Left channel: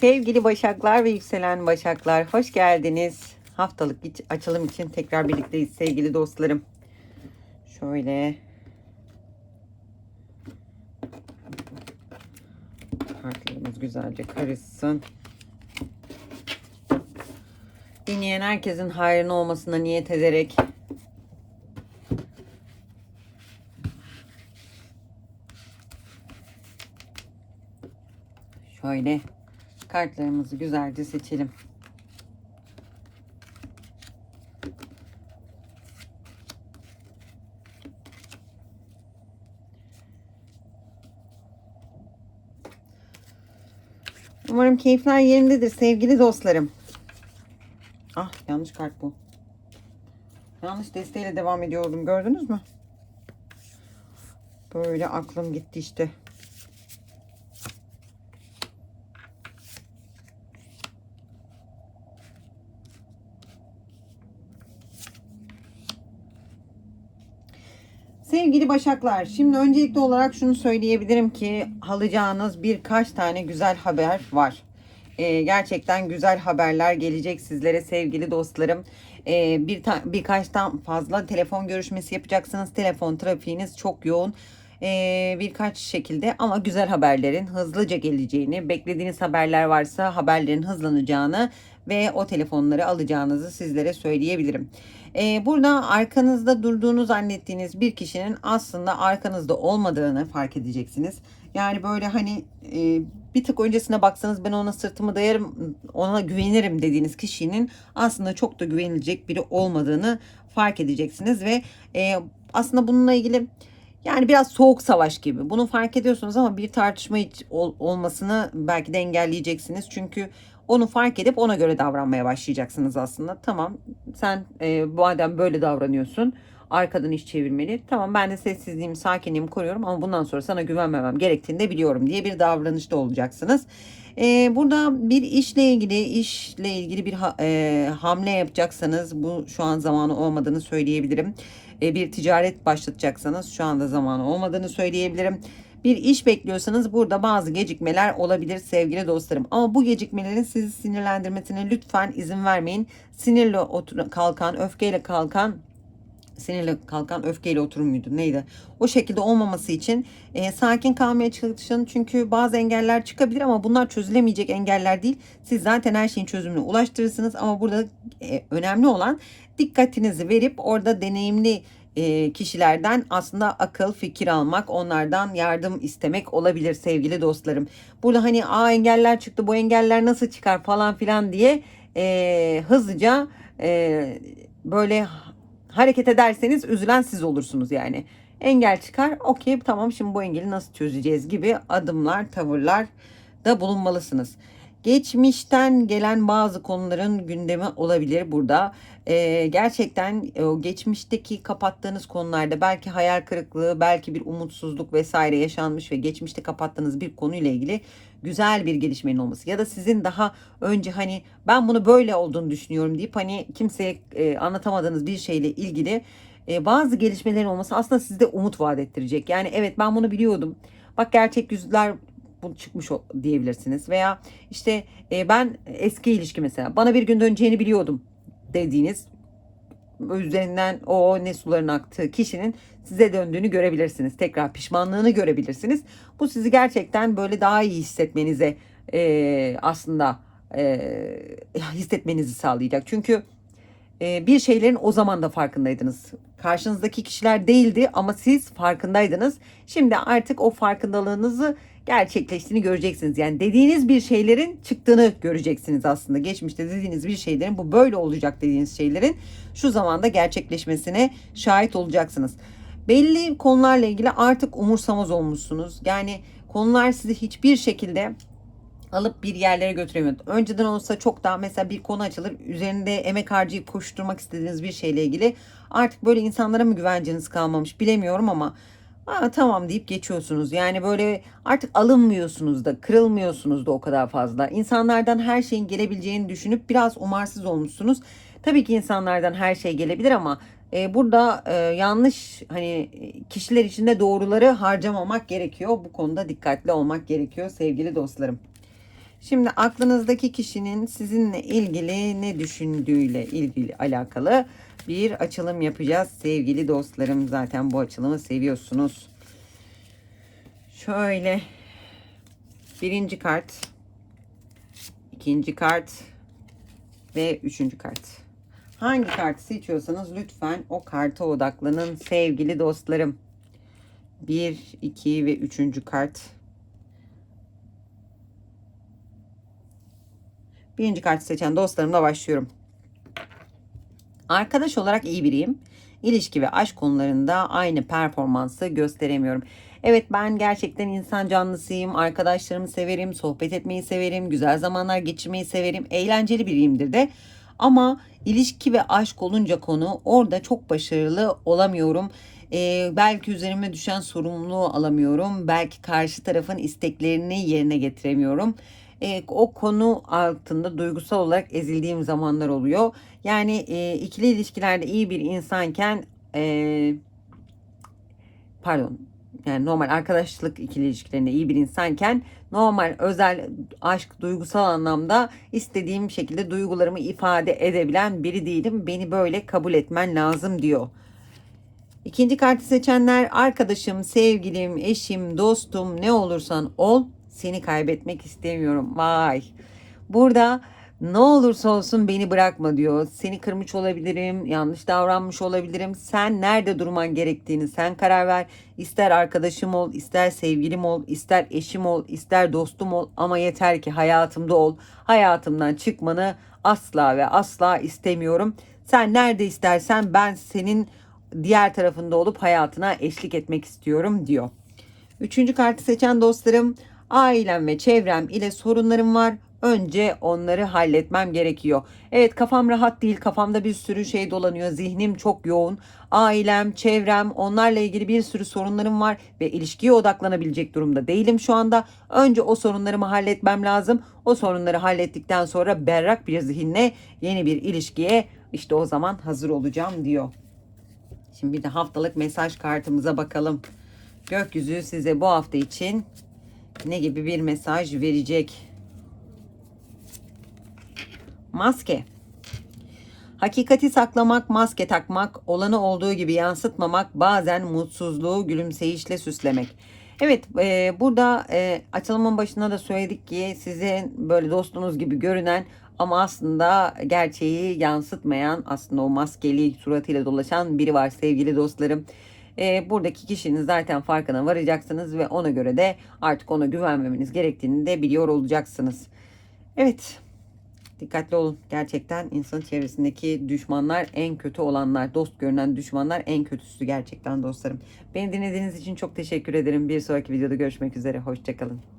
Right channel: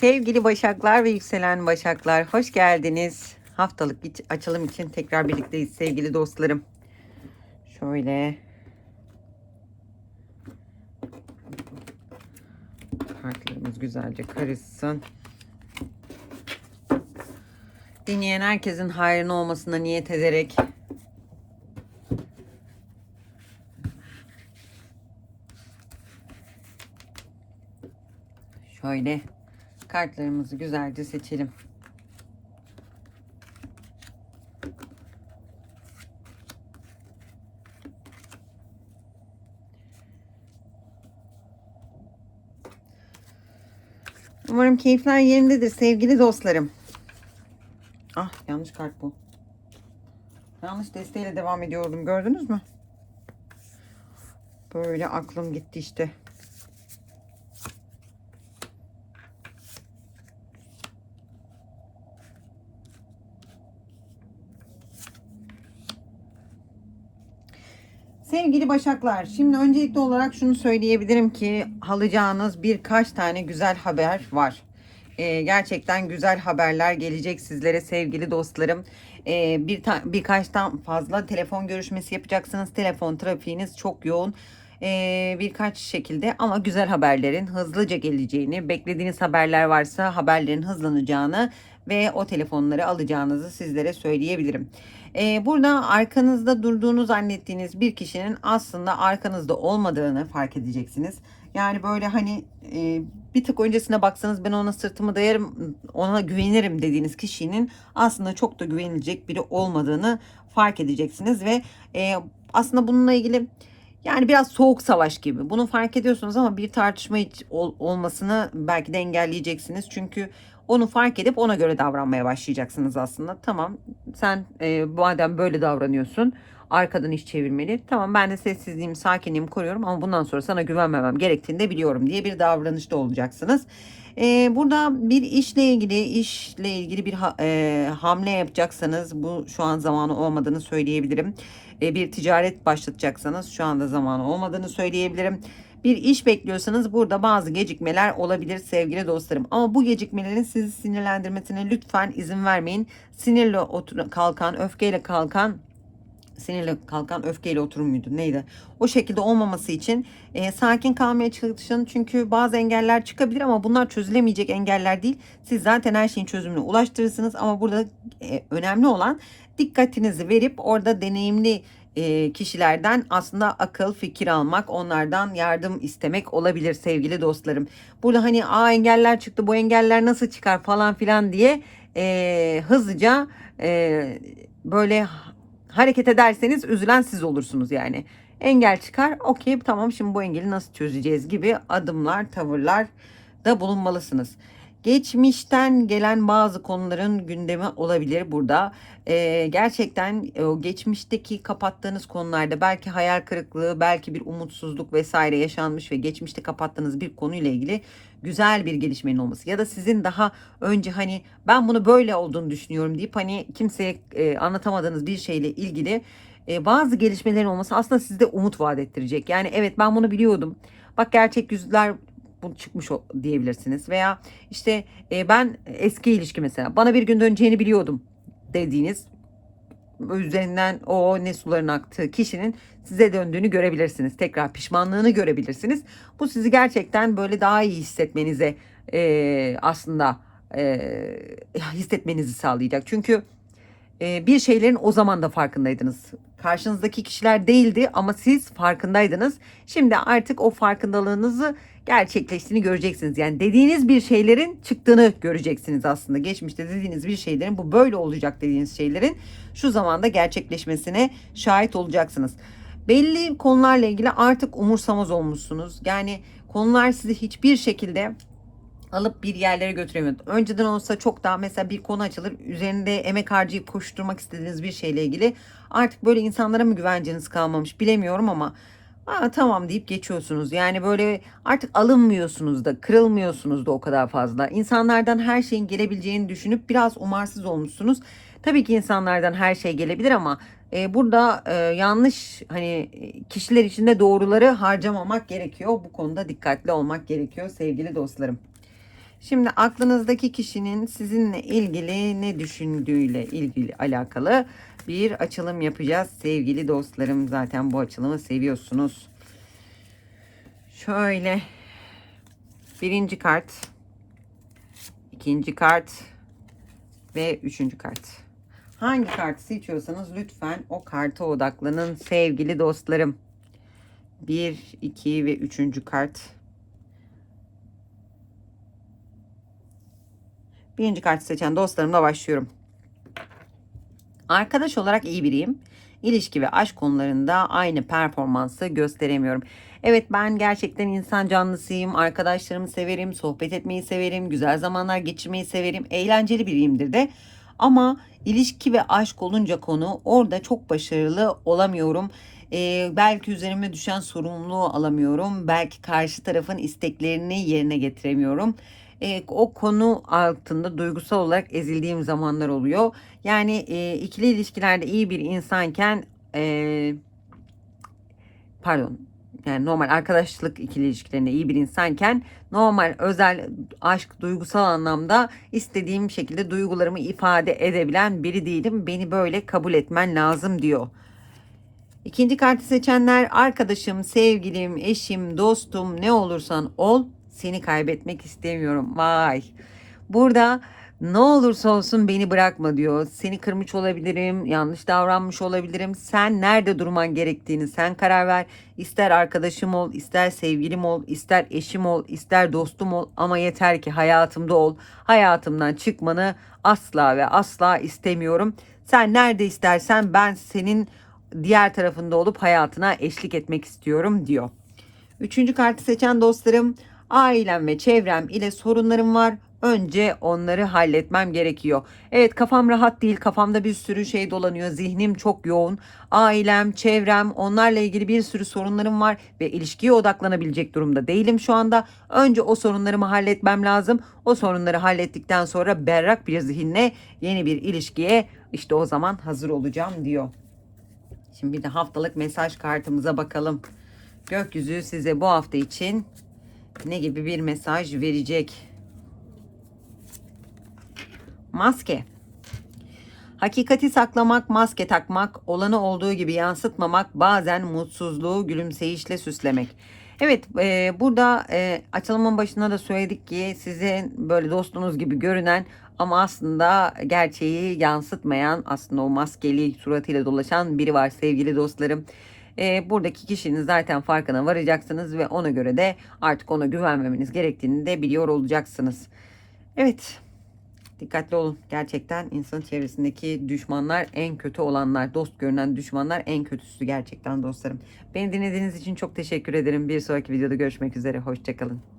Sevgili Başaklar ve yükselen Başaklar hoş geldiniz. Haftalık açılım için tekrar birlikteyiz sevgili dostlarım. Şöyle kartlarımız güzelce karışsın. Dinleyen herkesin hayrına olmasına niyet ederek şöyle kartlarımızı güzelce seçelim. Umarım keyifler yerindedir sevgili dostlarım. Ah yanlış kart bu. Yanlış desteğiyle devam ediyordum gördünüz mü? Böyle aklım gitti işte. Sevgili Başaklar, şimdi öncelikli olarak şunu söyleyebilirim ki alacağınız birkaç tane güzel haber var. Ee, gerçekten güzel haberler gelecek sizlere sevgili dostlarım. Ee, bir ta- birkaçtan fazla telefon görüşmesi yapacaksınız. Telefon trafiğiniz çok yoğun. Ee, birkaç şekilde ama güzel haberlerin hızlıca geleceğini, beklediğiniz haberler varsa haberlerin hızlanacağını ve o telefonları alacağınızı sizlere söyleyebilirim. Ee, burada arkanızda durduğunu zannettiğiniz bir kişinin aslında arkanızda olmadığını fark edeceksiniz. Yani böyle hani e, bir tık öncesine baksanız ben ona sırtımı dayarım, ona güvenirim dediğiniz kişinin aslında çok da güvenilecek biri olmadığını fark edeceksiniz ve e, aslında bununla ilgili yani biraz soğuk savaş gibi. Bunu fark ediyorsunuz ama bir tartışma hiç ol- olmasını belki de engelleyeceksiniz. Çünkü onu fark edip ona göre davranmaya başlayacaksınız aslında. Tamam sen e, madem böyle davranıyorsun arkadan iş çevirmeli. Tamam ben de sessizliğimi, sakinliğimi koruyorum ama bundan sonra sana güvenmemem gerektiğini de biliyorum diye bir davranışta olacaksınız. E, burada bir işle ilgili, işle ilgili bir ha- e, hamle yapacaksanız bu şu an zamanı olmadığını söyleyebilirim. E, bir ticaret başlatacaksanız şu anda zamanı olmadığını söyleyebilirim. Bir iş bekliyorsanız burada bazı gecikmeler olabilir sevgili dostlarım. Ama bu gecikmelerin sizi sinirlendirmesine lütfen izin vermeyin. Sinirle otur kalkan, öfkeyle kalkan sinirle kalkan öfkeyle oturur muydu neydi? O şekilde olmaması için e, sakin kalmaya çalışın. Çünkü bazı engeller çıkabilir ama bunlar çözülemeyecek engeller değil. Siz zaten her şeyin çözümüne ulaştırırsınız ama burada e, önemli olan dikkatinizi verip orada deneyimli e, kişilerden aslında akıl fikir almak, onlardan yardım istemek olabilir sevgili dostlarım. Burada hani a engeller çıktı, bu engeller nasıl çıkar falan filan diye e, hızlıca e, böyle hareket ederseniz üzülen siz olursunuz yani. Engel çıkar, okey tamam şimdi bu engeli nasıl çözeceğiz gibi adımlar, tavırlar da bulunmalısınız. Geçmişten gelen bazı konuların gündemi olabilir burada. Ee, gerçekten e, o geçmişteki kapattığınız konularda belki hayal kırıklığı, belki bir umutsuzluk vesaire yaşanmış ve geçmişte kapattığınız bir konuyla ilgili güzel bir gelişmenin olması ya da sizin daha önce hani ben bunu böyle olduğunu düşünüyorum deyip hani kimseye e, anlatamadığınız bir şeyle ilgili e, bazı gelişmelerin olması aslında sizde umut vaat ettirecek. Yani evet ben bunu biliyordum. Bak gerçek yüzler bu çıkmış diyebilirsiniz veya işte e, ben eski ilişki mesela bana bir gün döneceğini biliyordum dediğiniz üzerinden o ne suların aktığı kişinin size döndüğünü görebilirsiniz. Tekrar pişmanlığını görebilirsiniz. Bu sizi gerçekten böyle daha iyi hissetmenize e, aslında e, hissetmenizi sağlayacak. Çünkü e, bir şeylerin o zaman da farkındaydınız. Karşınızdaki kişiler değildi ama siz farkındaydınız. Şimdi artık o farkındalığınızı gerçekleştiğini göreceksiniz. Yani dediğiniz bir şeylerin çıktığını göreceksiniz aslında. Geçmişte dediğiniz bir şeylerin bu böyle olacak dediğiniz şeylerin şu zamanda gerçekleşmesine şahit olacaksınız. Belli konularla ilgili artık umursamaz olmuşsunuz. Yani konular sizi hiçbir şekilde alıp bir yerlere götüremiyor. Önceden olsa çok daha mesela bir konu açılır. Üzerinde emek harcayıp koşturmak istediğiniz bir şeyle ilgili artık böyle insanlara mı güvenceniz kalmamış bilemiyorum ama Aa, tamam deyip geçiyorsunuz. Yani böyle artık alınmıyorsunuz da, kırılmıyorsunuz da o kadar fazla. İnsanlardan her şeyin gelebileceğini düşünüp biraz umarsız olmuşsunuz. Tabii ki insanlardan her şey gelebilir ama e, burada e, yanlış hani kişiler içinde doğruları harcamamak gerekiyor. Bu konuda dikkatli olmak gerekiyor sevgili dostlarım. Şimdi aklınızdaki kişinin sizinle ilgili ne düşündüğüyle ilgili alakalı bir açılım yapacağız sevgili dostlarım. Zaten bu açılımı seviyorsunuz. Şöyle birinci kart, ikinci kart ve üçüncü kart. Hangi kartı seçiyorsanız lütfen o karta odaklanın sevgili dostlarım. 1, 2 ve 3. kart. Birinci kartı seçen dostlarımla başlıyorum. Arkadaş olarak iyi biriyim. İlişki ve aşk konularında aynı performansı gösteremiyorum. Evet ben gerçekten insan canlısıyım. Arkadaşlarımı severim, sohbet etmeyi severim, güzel zamanlar geçirmeyi severim. Eğlenceli biriyimdir de. Ama ilişki ve aşk olunca konu orada çok başarılı olamıyorum. Ee, belki üzerime düşen sorumluluğu alamıyorum. Belki karşı tarafın isteklerini yerine getiremiyorum. Ee, o konu altında duygusal olarak ezildiğim zamanlar oluyor. Yani e, ikili ilişkilerde iyi bir insanken e, pardon yani normal arkadaşlık ikili ilişkilerinde iyi bir insanken normal özel aşk duygusal anlamda istediğim şekilde duygularımı ifade edebilen biri değilim. Beni böyle kabul etmen lazım diyor. İkinci kartı seçenler arkadaşım, sevgilim, eşim, dostum ne olursan ol seni kaybetmek istemiyorum. Vay. Burada ne olursa olsun beni bırakma diyor. Seni kırmış olabilirim, yanlış davranmış olabilirim. Sen nerede durman gerektiğini sen karar ver. İster arkadaşım ol, ister sevgilim ol, ister eşim ol, ister dostum ol ama yeter ki hayatımda ol. Hayatımdan çıkmanı asla ve asla istemiyorum. Sen nerede istersen ben senin diğer tarafında olup hayatına eşlik etmek istiyorum diyor. Üçüncü kartı seçen dostlarım ailem ve çevrem ile sorunlarım var. Önce onları halletmem gerekiyor. Evet kafam rahat değil. Kafamda bir sürü şey dolanıyor. Zihnim çok yoğun. Ailem, çevrem, onlarla ilgili bir sürü sorunlarım var ve ilişkiye odaklanabilecek durumda değilim şu anda. Önce o sorunlarımı halletmem lazım. O sorunları hallettikten sonra berrak bir zihinle yeni bir ilişkiye işte o zaman hazır olacağım diyor. Şimdi bir de haftalık mesaj kartımıza bakalım. Gökyüzü size bu hafta için ne gibi bir mesaj verecek? Maske. Hakikati saklamak, maske takmak, olanı olduğu gibi yansıtmamak, bazen mutsuzluğu gülümseyişle süslemek. Evet, e, burada e, açılımın başında da söyledik ki sizin böyle dostunuz gibi görünen ama aslında gerçeği yansıtmayan, aslında o maskeli suratıyla dolaşan biri var sevgili dostlarım. E, buradaki kişinin zaten farkına varacaksınız ve ona göre de artık ona güvenmemeniz gerektiğini de biliyor olacaksınız. Evet, Dikkatli olun. Gerçekten insan çevresindeki düşmanlar en kötü olanlar. Dost görünen düşmanlar en kötüsü gerçekten dostlarım. Beni dinlediğiniz için çok teşekkür ederim. Bir sonraki videoda görüşmek üzere. Hoşçakalın.